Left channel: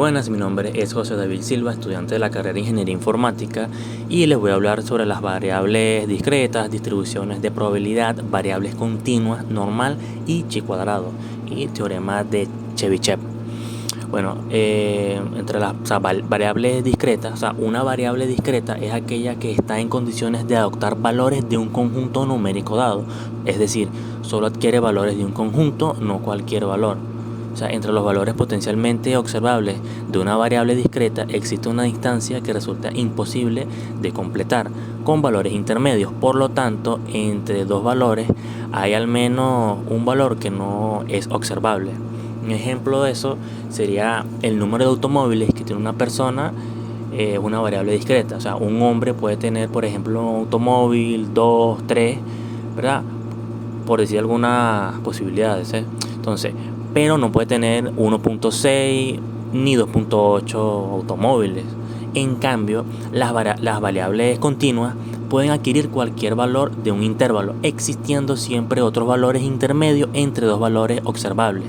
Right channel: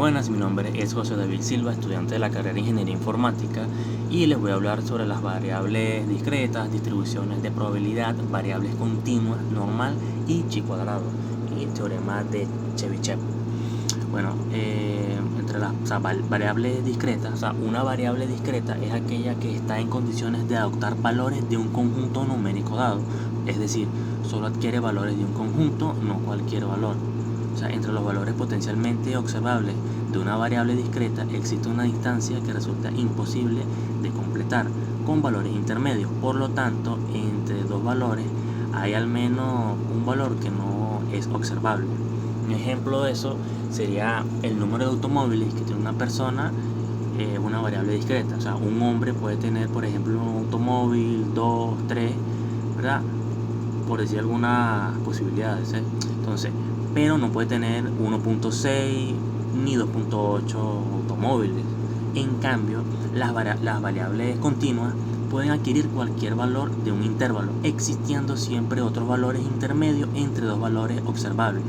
buenas, mi nombre es José David Silva, estudiante de la carrera de Ingeniería Informática, y les voy a hablar sobre las variables discretas, distribuciones de probabilidad, variables continuas, normal y chi cuadrado, y teorema de Chebyshev. Bueno, entre las variables discretas, una variable discreta es aquella que está en condiciones de adoptar valores de un conjunto numérico dado, es decir, solo adquiere valores de un conjunto, no cualquier valor. Entre los valores potencialmente observables de una variable discreta existe una distancia que resulta imposible de completar con valores intermedios. Por lo tanto, entre dos valores hay al menos un valor que no es observable. Un ejemplo de eso sería el número de automóviles que tiene una persona, una variable discreta. Un hombre puede tener, por ejemplo, un automóvil, 2, 3, ¿verdad? Por decir algunas posibilidades, Entonces, pero no puede tener 1.6 ni 2.8 automóviles. En cambio, las variables continuas pueden adquirir cualquier valor de un intervalo, existiendo siempre otros valores intermedios entre dos valores observables.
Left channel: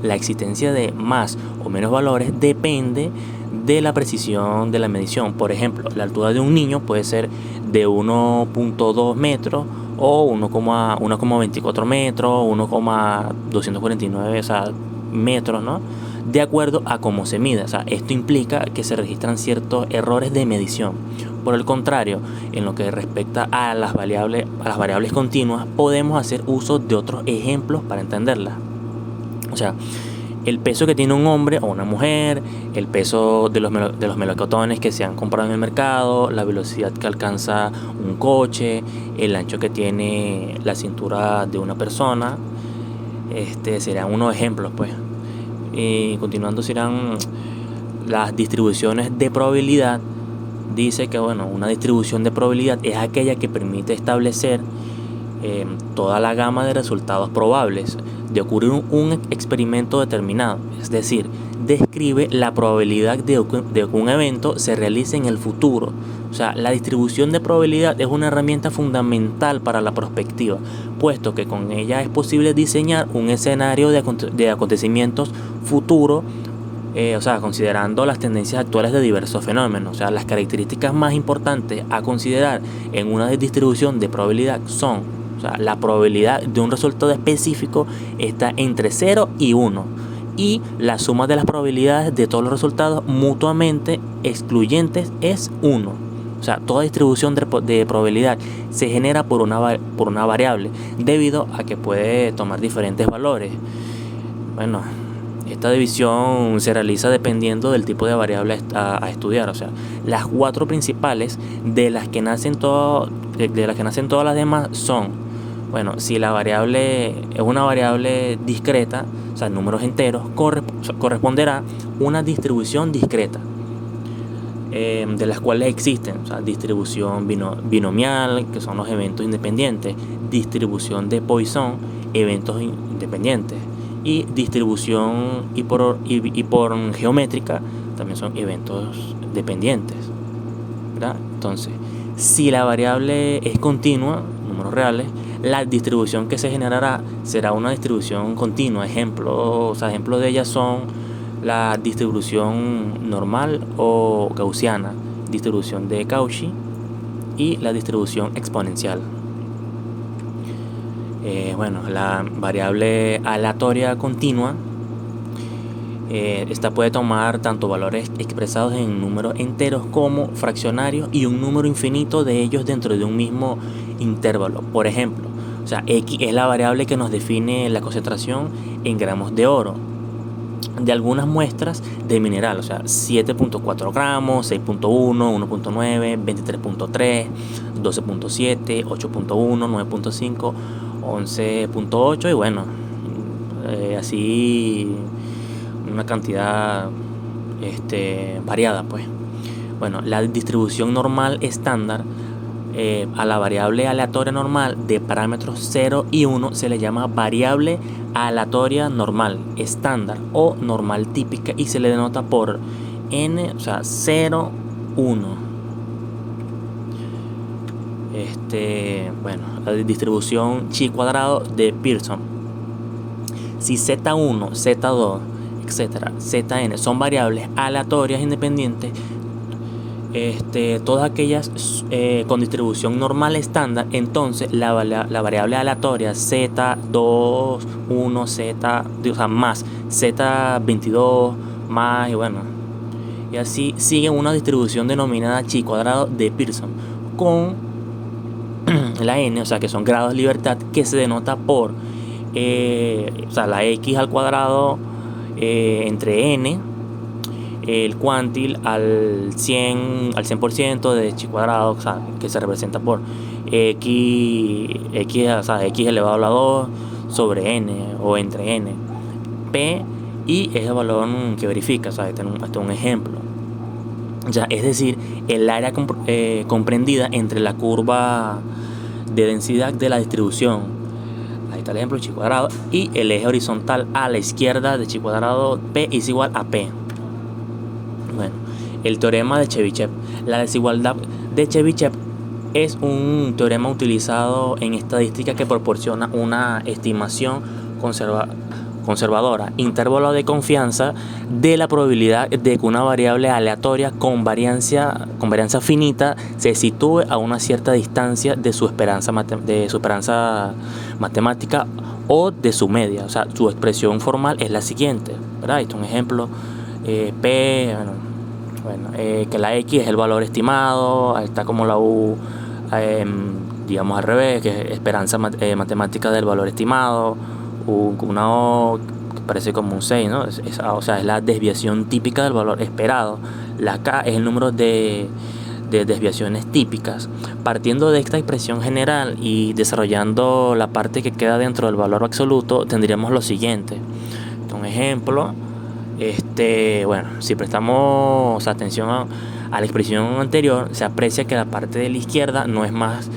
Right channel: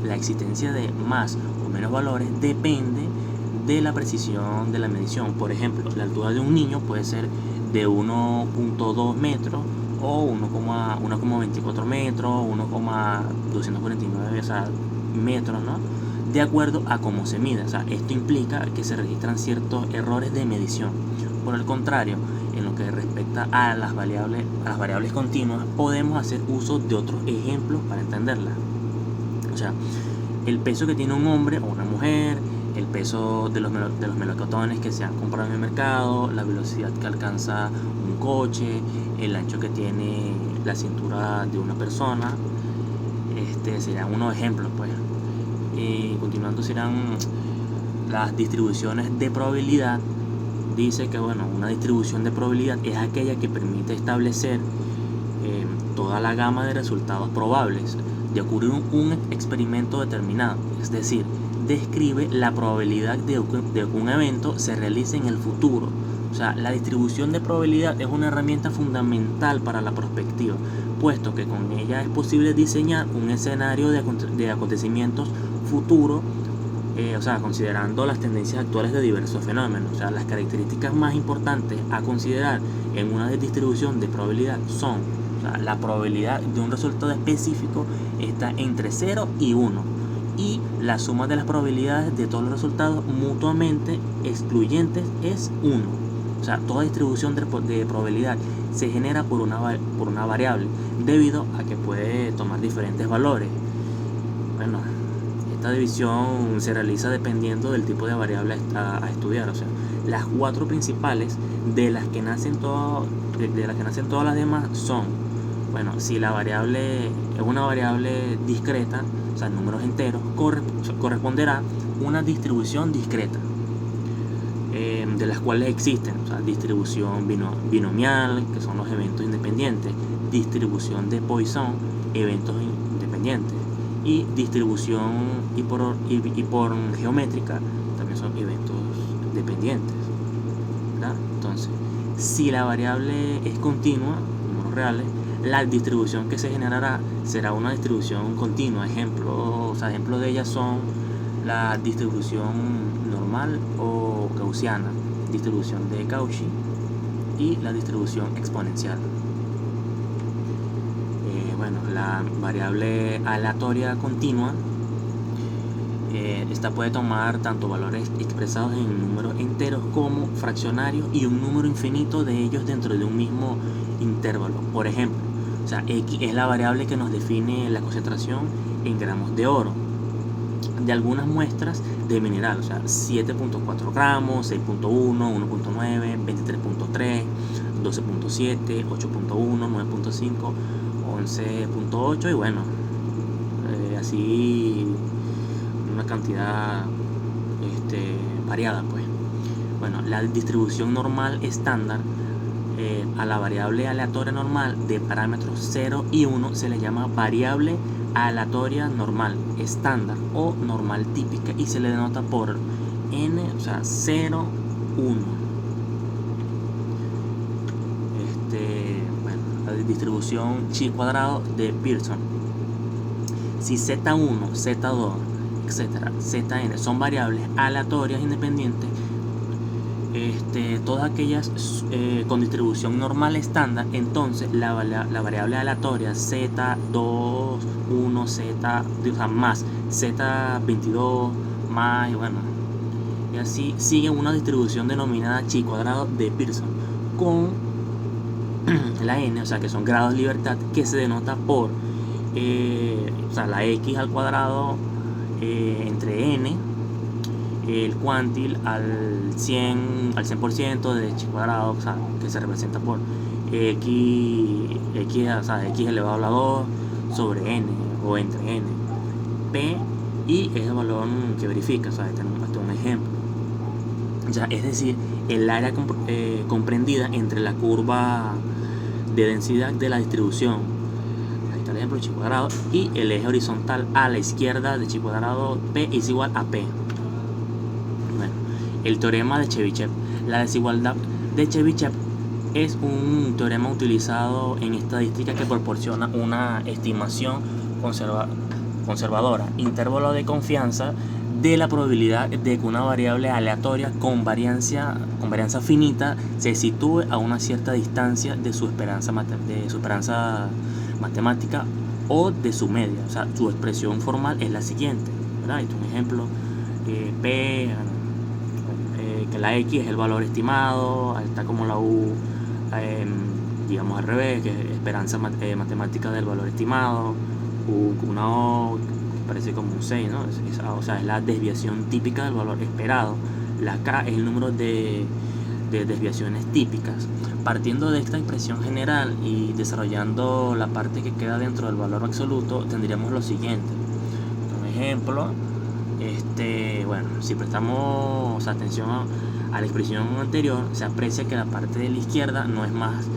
La existencia de más o menos valores depende de la precisión de la medición. Por ejemplo, la altura de un niño puede ser de 1.2 metros o 1,24 metros, 1,249 metros, ¿no? De acuerdo a cómo se mide. Esto implica que se registran ciertos errores de medición. Por el contrario, en lo que respecta a las variables continuas, podemos hacer uso de otros ejemplos para entenderlas. El peso que tiene un hombre o una mujer, el peso de los melocotones que se han comprado en el mercado, la velocidad que alcanza un coche, el ancho que tiene la cintura de una persona, serían unos ejemplos, pues. Y continuando serán las distribuciones de probabilidad. Dice que una distribución de probabilidad es aquella que permite establecer toda la gama de resultados probables de ocurrir un experimento determinado, es decir, describe la probabilidad de que un evento se realice en el futuro. La distribución de probabilidad es una herramienta fundamental para la prospectiva, puesto que con ella es posible diseñar un escenario de acontecimientos futuros, considerando las tendencias actuales de diversos fenómenos. Las características más importantes a considerar en una distribución de probabilidad son: la probabilidad de un resultado específico está entre 0 y 1, y la suma de las probabilidades de todos los resultados mutuamente excluyentes es 1. Toda distribución de probabilidad se genera por una variable, debido a que puede tomar diferentes valores. Esta división se realiza dependiendo del tipo de variable a estudiar. Las cuatro principales de las que nacen todas las demás son: si la variable es una variable discreta, números enteros, corresponderá una distribución discreta, de las cuales existen distribución binomial, que son los eventos independientes, distribución de Poisson, eventos independientes, y distribución y por geométrica, también son eventos dependientes, ¿verdad? Entonces, si la variable es continua, números reales, la distribución que se generará será una distribución continua. Ejemplos de ellas son la distribución normal o gaussiana, distribución de Cauchy y la distribución exponencial. La variable aleatoria continua, esta puede tomar tanto valores expresados en números enteros como fraccionarios y un número infinito de ellos dentro de un mismo intervalo. Por ejemplo, X es la variable que nos define la concentración en gramos de oro de algunas muestras de mineral, 7.4 gramos, 6.1, 1.9, 23.3, 12.7, 8.1, 9.5, 11.8 y así una cantidad variada, pues. La distribución normal estándar, a la variable aleatoria normal de parámetros 0 y 1 se le llama variable aleatoria normal estándar o normal típica, y se le denota por n, 0, 1. La distribución chi cuadrado de Pearson. Si Z1, Z2, etcétera. Zn son variables aleatorias independientes, todas aquellas con distribución normal estándar. Entonces la variable aleatoria z2, 1, z, o sea, más z22, más, y bueno, y así sigue una distribución denominada chi cuadrado de Pearson con la n, o sea, que son grados de libertad, que se denota por o sea, la x al cuadrado entre n, el cuantil al 100% de chi cuadrado, o sea, que se representa por o sea, x elevado a la 2 sobre n o entre n. P y es el valor que verifica, o sea, hasta un ejemplo. Ya, es decir, el área comprendida entre la curva de densidad de la distribución, ahí está el ejemplo, chi cuadrado, y el eje horizontal a la izquierda de chi cuadrado, P es igual a P. Bueno, el teorema de Chebyshev. La desigualdad de Chebyshev es un teorema utilizado en estadística que proporciona una estimación conservadora, intervalo de confianza, de la probabilidad de que una variable aleatoria con varianza finita se sitúe a una cierta distancia de su esperanza matemática o de su media. O sea, su expresión formal es la siguiente, ¿verdad? Esto es un ejemplo. P, que la X es el valor estimado, está como la U, digamos al revés, que es esperanza matemática del valor estimado, una O que parece como un 6, ¿no? O sea, es la desviación típica del valor esperado. La K es el número de desviaciones típicas. Partiendo de esta expresión general y desarrollando la parte que queda dentro del valor absoluto, tendríamos lo siguiente. Un ejemplo, bueno, si prestamos atención a la expresión anterior, se aprecia que la parte de la izquierda no es más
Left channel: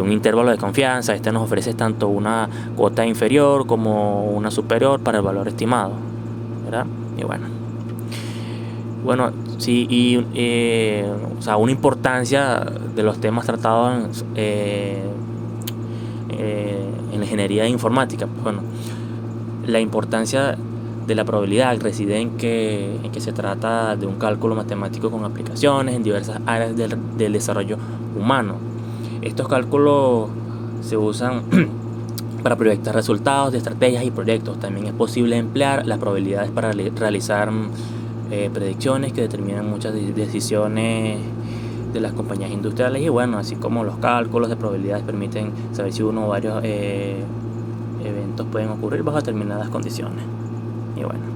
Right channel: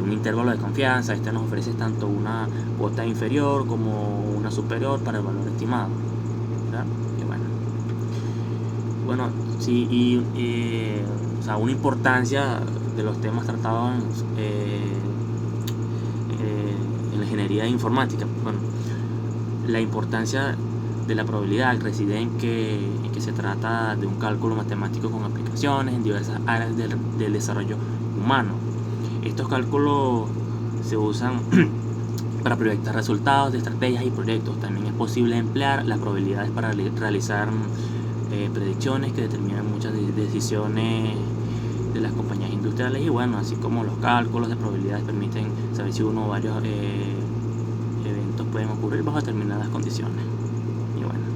un intervalo de confianza. Nos ofrece tanto una cuota inferior como una superior para el valor estimado, ¿verdad? Y bueno, sí, o sea, una importancia de los temas tratados en la ingeniería informática. Bueno, la importancia de la probabilidad reside en que se trata de un cálculo matemático con aplicaciones en diversas áreas del desarrollo humano. Estos cálculos se usan para proyectar resultados de estrategias y proyectos. También es posible emplear las probabilidades para realizar predicciones que determinan muchas decisiones de las compañías industriales. Y bueno, así como los cálculos de probabilidades permiten saber si uno o varios eventos pueden ocurrir bajo determinadas condiciones. Y bueno.